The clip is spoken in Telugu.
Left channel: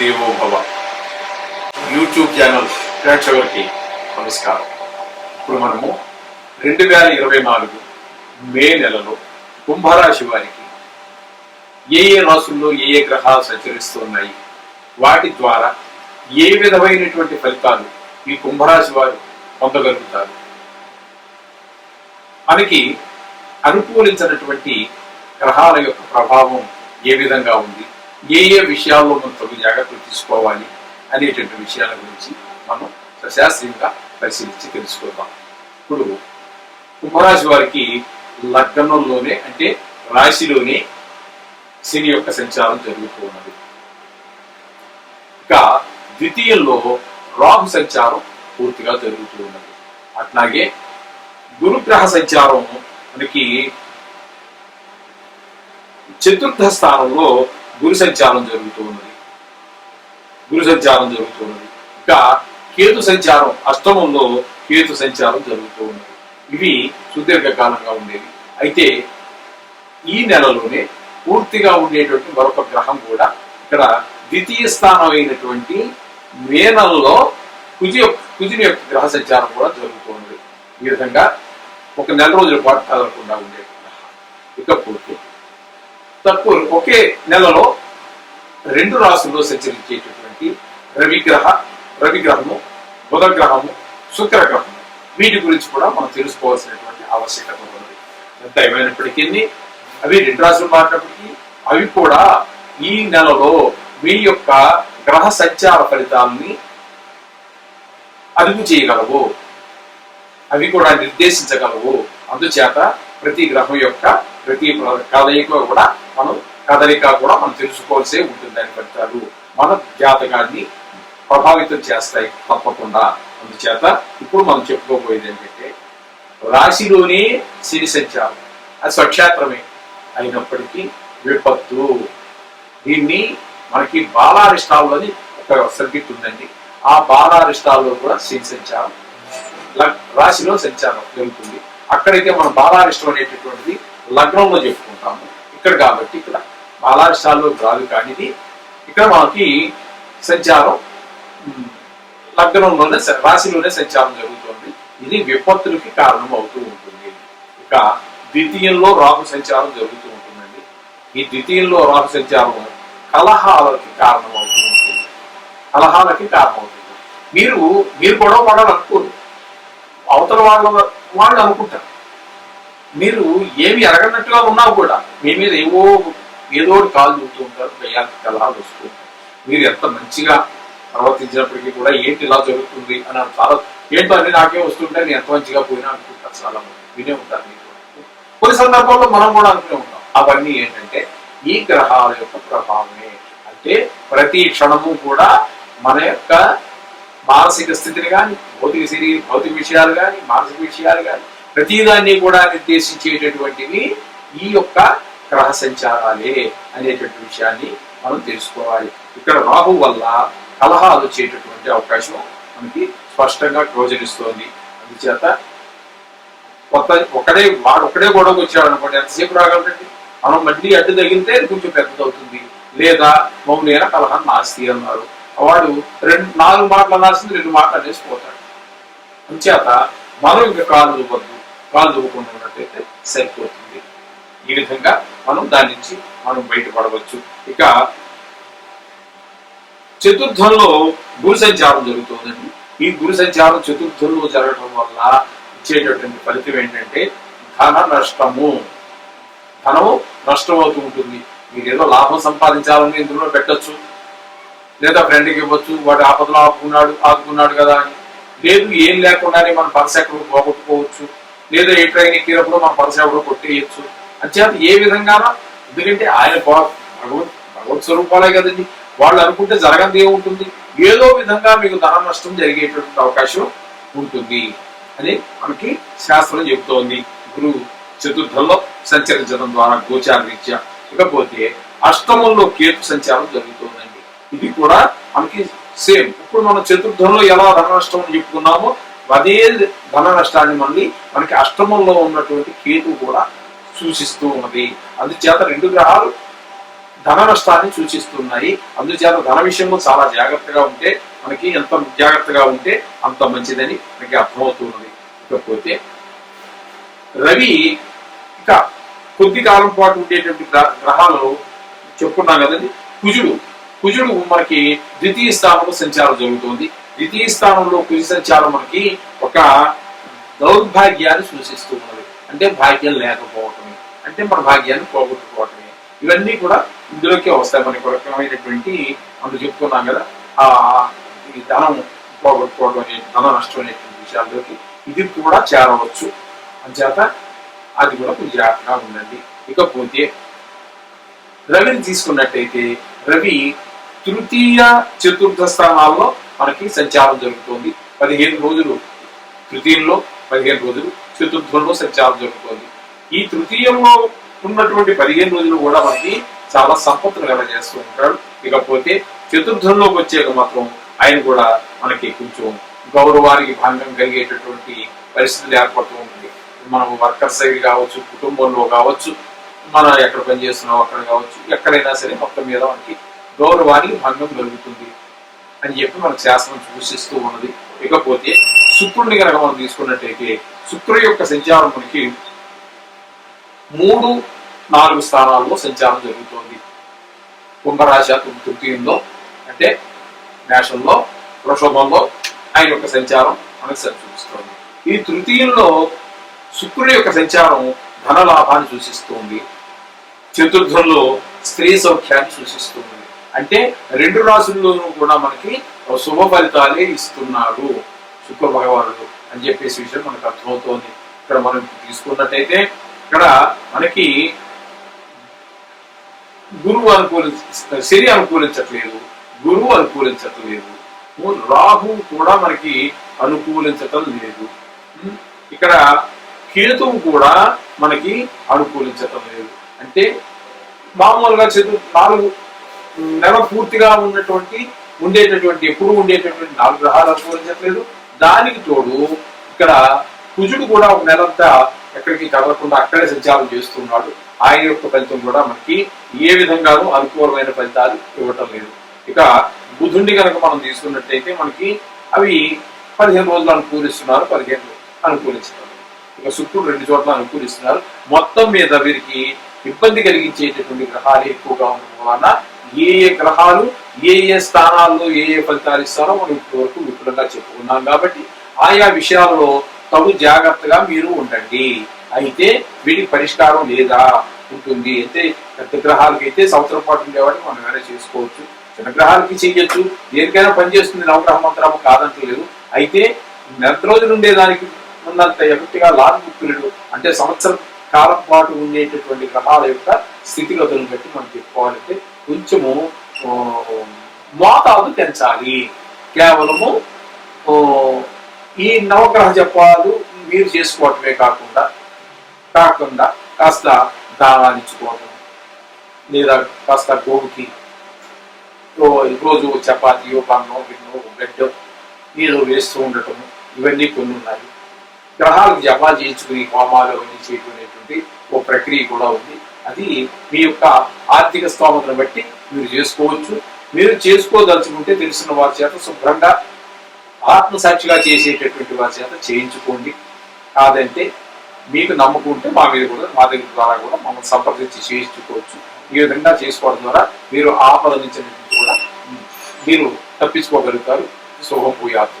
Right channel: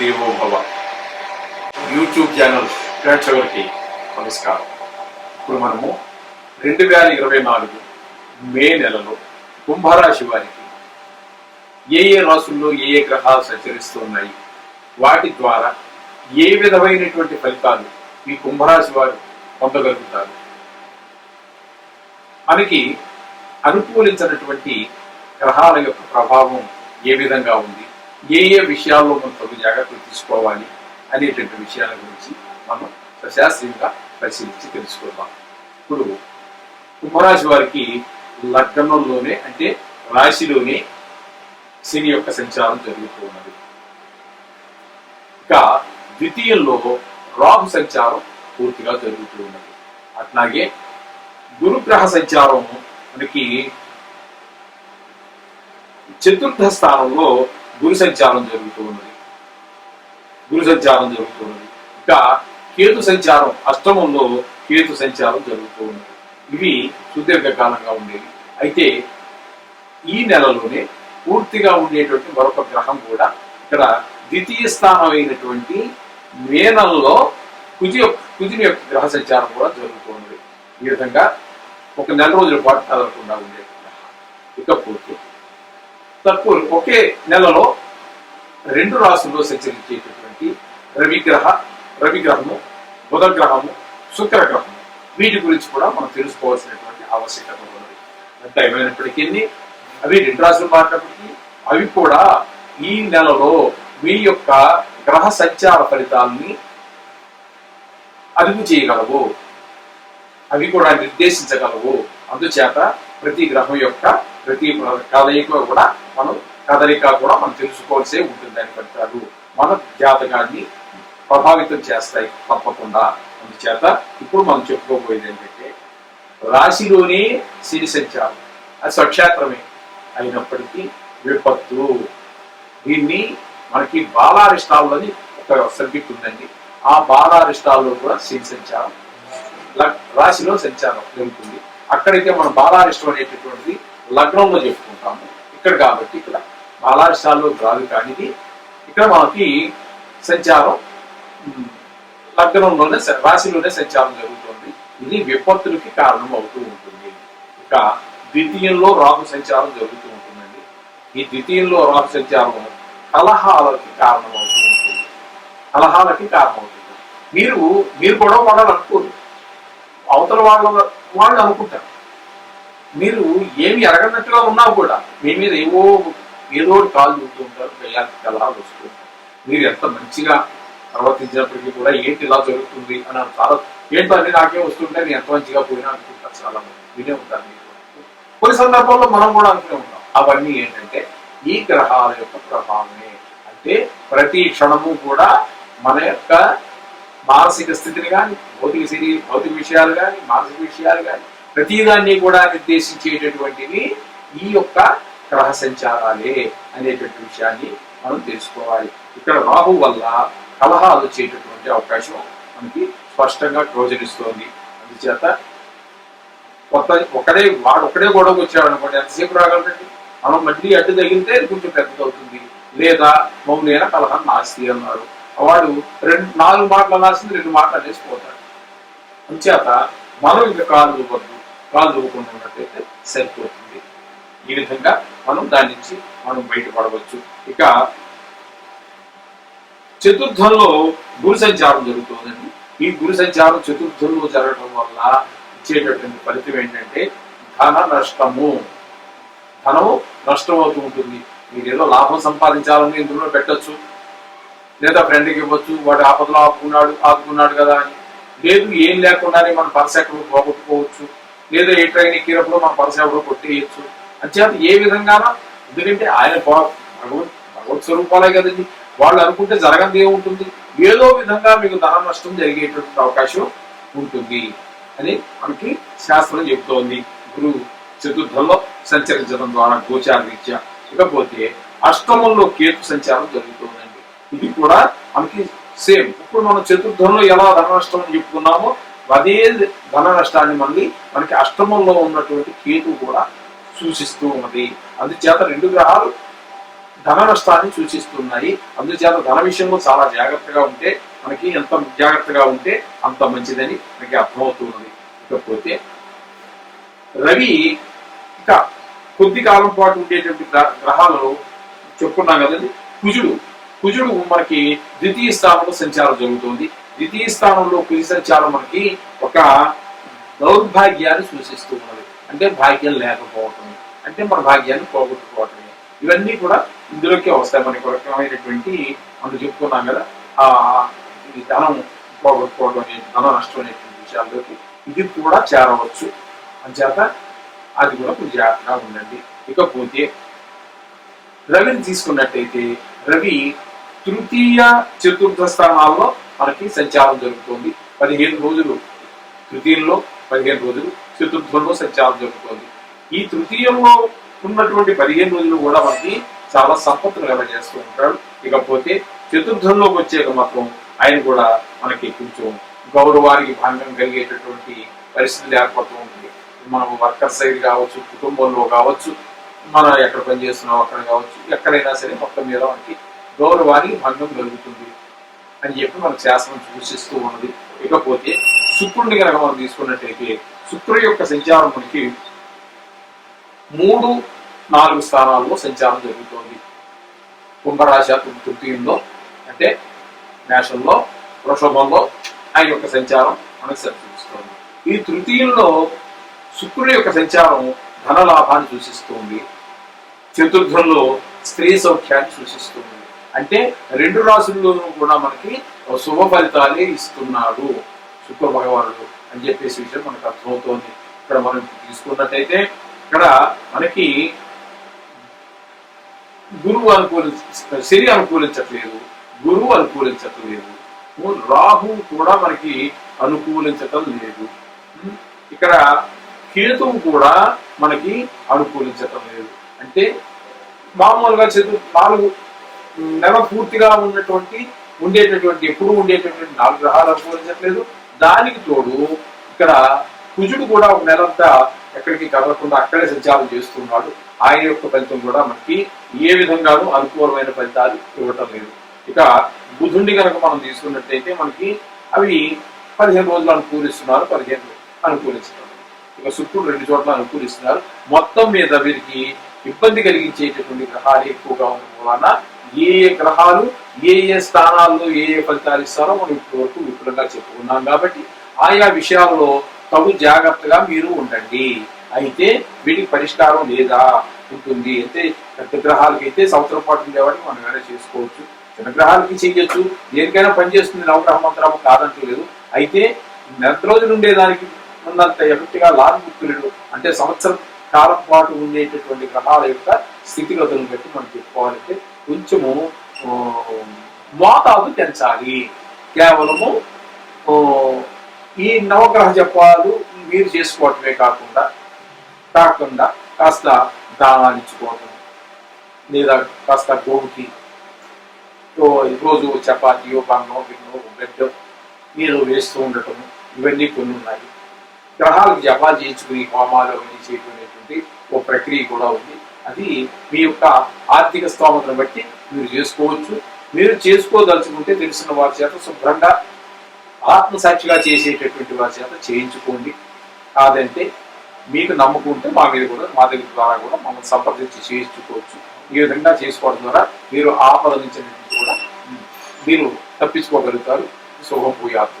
దేవో భవ యూట్యూబ్ ఛానల్ ప్రేక్షకులకి నమస్కారం. ఇప్పుడు మనము 2024 మే నెలలో కుంభరాశి వారికి ఏ రాశుల్లో ఏ గ్రహాలు సంచరిస్తున్నాయి, వాటి ద్వారా ఏ విధమైనటువంటి ఫలితాలు ఈ కుంభరాశి వారు పొందగలుగుతారు, మనకి అనుకూలించినటువంటి గ్రహాల యొక్క ప్రభావం ఏ విధంగా ఉంది, ఏ విషయాల్లో మనం తగు జాగ్రత్తలు తీసుకోవాలి అనేటువంటి విషయాల గురించి మనం సశాస్త్రీయంగా పరిశీలించి తెలుసుకుందాం. ఇప్పుడు కుంభరాశి వారికి లగ్నంలోనే అంటే రాశిలోనే శని యొక్క సంచారం జరుగుతూ ఉన్నది. ఇక ద్వితీయంలో రాహు సంచారం పూర్తిగా జరుగుతూ ఉన్నది. అట్లాగే గురుగ్రహ సంచారం మనకి చతుర్థ స్థానంలో గురు సంచారం జరుగుతూ ఉన్నది. ఇంకా కేతు సంచారం అష్టమంలో కేతు సంచారం జరుగుతూ ఉన్నది. ఇవి సుదీర్ఘకాలంగా ఉండేవి. అయితే ఈ నెలలోనే పూర్తిగా ఉండేటువంటి మరొక గ్రహం కూడా ఇక్కడ ద్వితీయ స్థానం అయినటువంటి మే నెలలో కుజుని యొక్క గ్రహ సంచారం కూడా జరుగుతూ ఉన్నది. ఈ విధంగా ఒక నెల రోజుల పాటు కదలకుండా ఉండే గ్రహం. ఇకపోతే తక్కువ ఒకే నెలలో 2 రాశుల్లో సంచరించేటటువంటి రవిగ్రహము, బుధగ్రహము, శుక్రగ్రహము, వీటి గురించి కూడా మనం తెలుసుకోవాల్సినటువంటి ఆవశ్యకత ఉన్నది. ఎంత ఏమైనప్పటికీ అవి 2 రాశులు మారినప్పటికీ అవి కూడా ఈ నెలలో మీ యొక్క గ్రహ సంచార ఫలితాలని అదుపు చేయగలవు, అవి కూడా నిర్దేశించగలవు. అందుచేత ప్రతి గ్రహం యొక్క ప్రతి కదలిక కూడా మనం తెలుసుకోవాల్సే ఉంటుంది. దాని ఫలితాలు మన జాతకాన్ని ప్రభావితం చేస్తాయి తప్పకుండా. అందుచేత ఇప్పుడు మనం చెప్పుకోబోయేది ఏంటంటే రాశిలోనే శని సంచారం, అది స్వక్షేత్రమే అయినప్పటికీ విపత్తు. దీన్ని మనకి బాలారిష్టాల్లోని ఒక సబ్జెక్ట్ ఉందండి. ఆ బాలారిష్టాల్లో కూడా శని సంచారం రాశిలో సంచారం జరుగుతుంది. అక్కడైతే మనం బాలారిష్టం అనేటటువంటిది లగ్నంలో చెప్పుకుంటాము. ఇక్కడ కాబట్టి ఇక్కడ బాలారిష్టాల్లో రాదు, కానీ ఇక్కడ మనకి సంచారం లగ్నంలోనే రాశిలోనే సంచారం జరుగుతుంది. ఇది విపత్తులకి కారణం అవుతూ ఉంటుంది. ఇక ద్వితీయంలో రాహు సంచారం జరుగుతూ ఉంటుందండి. ఈ ద్వితీయంలో రాహు సంచారం కలహాలకి కారణం అవుతూ ఉంటుంది. మీరు గొడవ పడాలనుకోరు, అవతల వాళ్ళు అనుకుంటారు. మీరు ఏమి ఎరగనట్టుగా ఉన్నా కూడా మీ మీద ఏదో కాలు చూస్తూ ఉంటారు, గయ్యానికి కలహాలు వస్తూ ఉంటారు. మీరు ఎంత మంచిగా ప్రవర్తించినప్పటికీ కూడా ఏంటి ఇలా జరుగుతుంది అని చాలా ఏంటో అన్ని నాకే వస్తుంటే నేను ఎంత మంచిగా పోయినా అనుకుంటారు. చాలా మంది వినే ఉంటారు. కొన్ని సందర్భాల్లో మనం కూడా అనుకునే ఉంటాం. అవన్నీ ఏంటంటే ఈ గ్రహాల యొక్క ప్రభావమే. అంటే ప్రతి క్షణము కూడా మన యొక్క మానసిక స్థితిని కానీ, భౌతిక విషయాలు కానీ, మానసిక విషయాలు కానీ ప్రతిదాన్ని కూడా నిర్దేశించేటటువంటివి ఈ యొక్క గ్రహ సంచారాలే అనేటువంటి విషయాన్ని మనం తెలుసుకోవాలి. ఇక్కడ రాహు వల్ల కలహాలు వచ్చేటటువంటి అవకాశం మనకి స్పష్టంగా గోచరిస్తోంది. అందుచేత ఒకడే గొడవకు వచ్చాడు అనుకోండి, ఎంతసేపు రాగలండి? మనం మళ్ళీ అడ్డు తగిలితే కొంచెం పెద్దదవుతుంది. లేదా మౌనైన కలహం నాస్తి అన్నారు. వాడు 4 మాటలు అనాల్సింది 2 మాటలు అనేసి పోతాడు. అందుచేత మనం ఇంకా కాలు దువ్వకుండా ఉన్నట్టయితే సరిపోతుంది. ఈ విధంగా మనం దాని నుంచి బయటపడవచ్చు. ఇక చతుర్థంలో గురు సంచారం జరుగుతుందండి. ఈ గురు సంచారం చతుర్థంలో జరగడం వల్ల ఇచ్చేటటువంటి ఫలితం ఏంటంటే ధనము నష్టం అవుతూ ఉంటుంది. మీరు ఏదో లాభం సంపాదించాలని ఇందులో పెట్టచ్చు, లేదా ఫ్రెండ్కి ఇవ్వచ్చు, వాడు ఆపదలో ఆదుకున్నాడు కదా అని. లేదు, ఏం లేకుండానే మన పర్స్ ఎక్కడో పోగొట్టుకోవచ్చు, లేదా ఏ ట్రైన్ ఎక్కినప్పుడు మన పర్స్ ఎక్కడో కొట్టేయచ్చు. అంచేత ఏ విధంగానో, ఎందుకంటే ఆయన భగవత్ స్వరూపాలే కదండి. వాళ్ళు అనుకుంటే జరగంది ఏముంటుంది, ఏదో విధంగా మీకు ధన నష్టం జరిగేటువంటి అవకాశం ఉంటుంది అని మనకి శాస్త్రం చెబుతోంది. గురువు చతుర్థంలో సంచరించడం ద్వారా గోచార రీత్యా. ఇకపోతే అష్టమంలో కేతు సంచారం జరుగుతుందండి. ఇది కూడా మనకి సేమ్. ఇప్పుడు మనం చతుర్థంలో ఎలా ధన నష్టం అని చెప్పుకున్నామో అదే ధన నష్టాన్ని మనకి అష్టమంలో ఉన్నటువంటి కేతు కూడా సూచిస్తూ ఉన్నది. అందుచేత 2 గ్రహాలు ధన నష్టాన్ని సూచిస్తున్నాయి. అందుచేత ధన విషయంలో చాలా జాగ్రత్తగా ఉంటే మనకి ఎంత జాగ్రత్తగా ఉంటే అంత మంచిదని మనకి అర్థమవుతున్నది. ఇకపోతే రవి ఇక కొద్ది కాలం పాటు ఉండేటువంటి గ్రహాలు చెప్పుకున్నాం కదండి. కుజుడు మనకి ద్వితీయ స్థానంలో సంచారం జరుగుతుంది. ద్వితీయ స్థానంలో కుజ సంచారం మనకి ఒక దౌర్భాగ్యాన్ని సూచిస్తూ ఉన్నది. అంటే భాగ్యం లేకపోవటమే, అంటే మన భాగ్యాన్ని పోగొట్టుకోవటమే. ఇవన్నీ కూడా ఇందులోకే వస్తాయి. మనకి ఒక రకమైనటువంటి మనం చెప్పుకున్నాం కదా, ఆ ఈ ధనం పోగొట్టుకోవడం అనే ధన నష్టం అనేటువంటి విషయాల్లోకి ఇది కూడా చేరవచ్చు. అంచేత అది కూడా కొంచెం జాగ్రత్తగా ఉండండి. ఇకపోతే రవిని తీసుకున్నట్టయితే రవి తృతీయ చతుర్థ స్థానాల్లో మనకి సంచారం జరుగుతుంది. 15 రోజులు తృతీయంలో, 15 రోజులు చతుర్థంలో సంచారం జరుగుతుంది. ఈ తృతీయంలో ఉన్నటువంటి 15 రోజులు కూడా మనకి చాలా సంపత్తులు కలగజేస్తూ ఉంటాడు. ఇకపోతే చతుర్థంలోకి వచ్చాక మాత్రం ఆయన కూడా మనకి కొంచెం గౌరవానికి భంగం కలిగేటటువంటి పరిస్థితులు ఏర్పడుతూ ఉంటాయి. మనం వర్కర్ సైడ్ కావచ్చు, కుటుంబంలో కావచ్చు, మనం ఎక్కడ పనిచేస్తున్నాం అక్కడ కావచ్చు, ఎక్కడైనా సరే మొత్తం మీద మనకి గౌరవానికి భంగం కలుగుతుంది అని చెప్పి మనకు శాస్త్రం సూచిస్తూ ఉన్నది. ఇకపోతే శుక్రుడిని కనుక మనం తీసుకున్నట్టయితే శుక్రుడి యొక్క సంచారం మనకి 3, 4 స్థానాల్లో సంచారం జరుగుతుంది. కుంభరాశి తృతీయంలో, అంటే మేషంలో, వృషభంలో ఆయన యొక్క సంచారం మనకు సూచిస్తుంది. ఈ తృతీయంలో శుక్రుడి యొక్క సంచారం ధన లాభాన్ని సూచిస్తుంది. చతుర్థంలో స్త్రీ సౌఖ్యాన్ని సూచిస్తుంది. అంటే 2 రాశుల్లోనూ కూడా మనకి శుభ ఫలితాలే ఇస్తున్నాడు శుక్ర భగవానుడు అని చెప్పేసి విషయం మనకు అర్థమవుతోంది. ఇక్కడ మనం తీసుకున్నట్టయితే ఇక్కడ మనకి శని అనుకూలించట్లేదు, గురువు అనుకూలించట్లేదు, రాహు కూడా మనకి అనుకూలించటం లేదు. ఇక్కడ కేతువు కూడా మనకి అనుకూలించటం లేదు. అంటే మామూలుగా 4 నెల పూర్తిగా ఉండేటటువంటి ఎప్పుడు ఉండేటటువంటి 4 గ్రహాలు అనుకూలించట్లేదు. దానికి తోడు ఇక్కడ కుజుడు కూడా ఒక నెలంతా ఎక్కడికి కదలకుండా అక్కడే సంచారం చేస్తున్నాడు. ఆయన యొక్క ఫలితం కూడా మనకి ఏ విధంగానూ అనుకూలమైన ఫలితాలు ఇవ్వటం లేదు. ఇక బుధుడిని కనుక మనం తీసుకున్నట్టయితే మనకి అవి 15 రోజులు అనుకూలిస్తున్నారు, 15 అనుకూలిస్తున్నారు. ఇక శుక్రుడు 2 చోట్ల అనుకూలిస్తున్నారు. మొత్తం మీద వీరికి ఇబ్బంది కలిగించేటటువంటి గ్రహాలు ఎక్కువగా ఉండడం వలన ఏ గ్రహాలు ఏ స్థానాల్లో ఏ ఫలితాలు ఇస్తారో మనం ఇప్పటి వరకు విపులంగా చెప్పుకున్నాం. కాబట్టి ఆయా విషయాల్లో తగు జాగ్రత్తగా మీరు ఉండండి. అయితే వీటికి పరిష్కారం లేదా ఉంటుంది. అయితే పెద్ద గ్రహాలకి అయితే సంవత్సరం పాటు ఉండేవాడిని మనం వేరే చేసుకోవచ్చు, చిన్న గ్రహాలకి చేయొచ్చు, దేనికైనా పనిచేస్తుంది. నవగ్రహ మంత్రము కాదంటలేదు. అయితే నెల రోజులు ఉండేదానికి ఉన్నంత ఎఫెక్ట్గా లాంగ్ పీరియడ్ అంటే సంవత్సరం కాలం పాటు ఉండేటటువంటి గ్రహాల యొక్క స్థితిగతులను బట్టి మనం చెప్పుకోవాలంటే కొంచెము మోతాదు పెంచాలి. కేవలము ఈ నవగ్రహ జపాలు మీరు చేసుకోవటమే కాకుండా కాస్త దానాలు ఇచ్చుకోవటం, లేదా కాస్త గోవుకి రోజు చపాతీయో, బన్నో, గిన్నో, గడ్డో మీరు వేస్తూ ఉండటం, ఇవన్నీ కొన్ని ఉన్నాయి. గ్రహాలకు జపాలు చేయించుకుని హోమాలు అవన్నీ చేయటనేటువంటి ఓ ప్రక్రియ కూడా ఉంది. అది మీ యొక్క ఆర్థిక స్తోమతను బట్టి మీరు చేసుకోవచ్చు. మీరు చేసుకోదలుచుకుంటే తెలిసిన వారి చేత శుభ్రంగా ఆత్మసాక్షిగా చేసేటటువంటి వారి చేత చేయించుకోండి. కాదంటే మీకు నమ్మకం ఉంటే మా దగ్గర ద్వారా కూడా మమ్మల్ని సంప్రదించి చేయించుకోవచ్చు. ఈ విధంగా చేసుకోవడం ద్వారా మీరు ఆపద నుంచి కూడా మీరు తప్పించుకోగలుగుతారు. శుభం భూయాత్.